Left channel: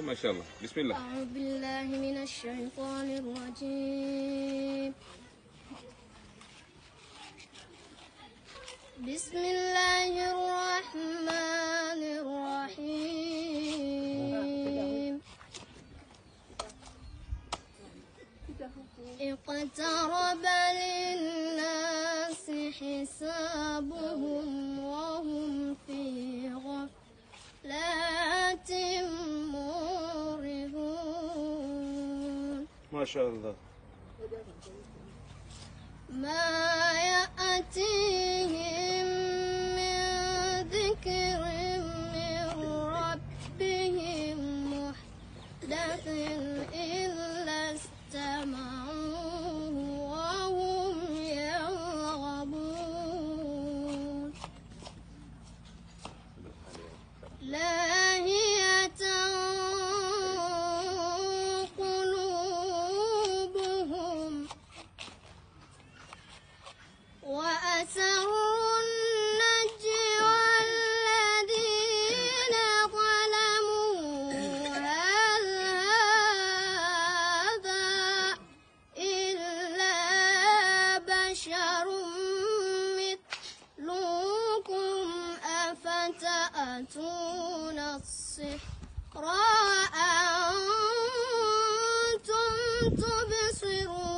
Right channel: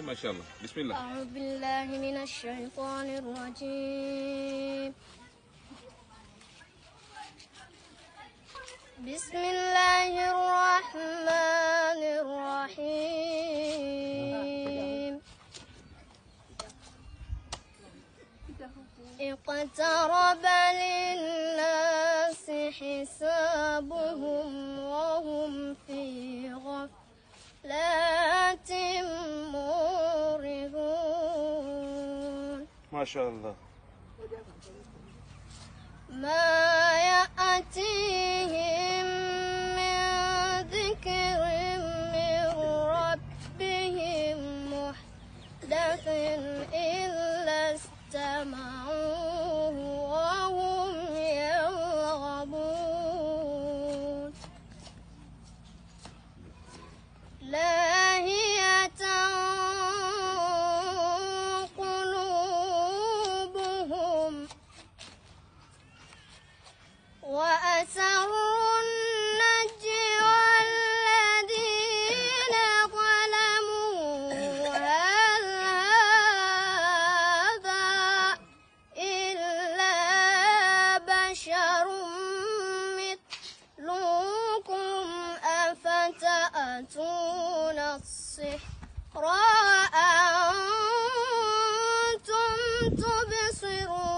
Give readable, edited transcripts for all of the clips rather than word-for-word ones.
ما شاء الله. بسم الله. أعوذ بالله من الشيطان الرجيم. بسم الله الرحمن الرحيم. اقترب للناس حسابهم وهم في غفلة معرضون. ما شاء الله. ما يأتيهم من ذكر من ربهم محدث إلا استمعوه وهم يلعبون لاهية قلوبهم وأسروا النجوى الذين ظلموا هل هذا إلا بشر مثلكم أفتأتون السحر وأنتم تبصرون.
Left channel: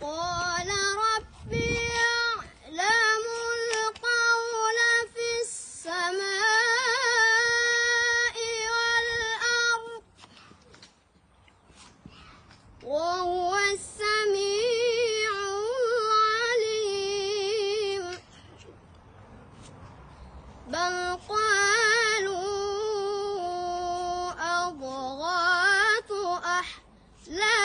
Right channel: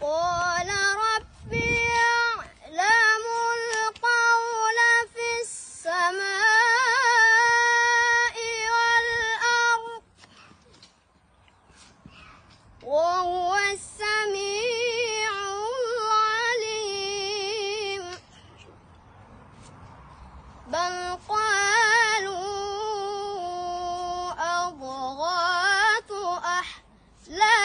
قال ربي يعلم القول في السماء والأرض وهو السميع العليم. بل قالوا أضغاث أحلام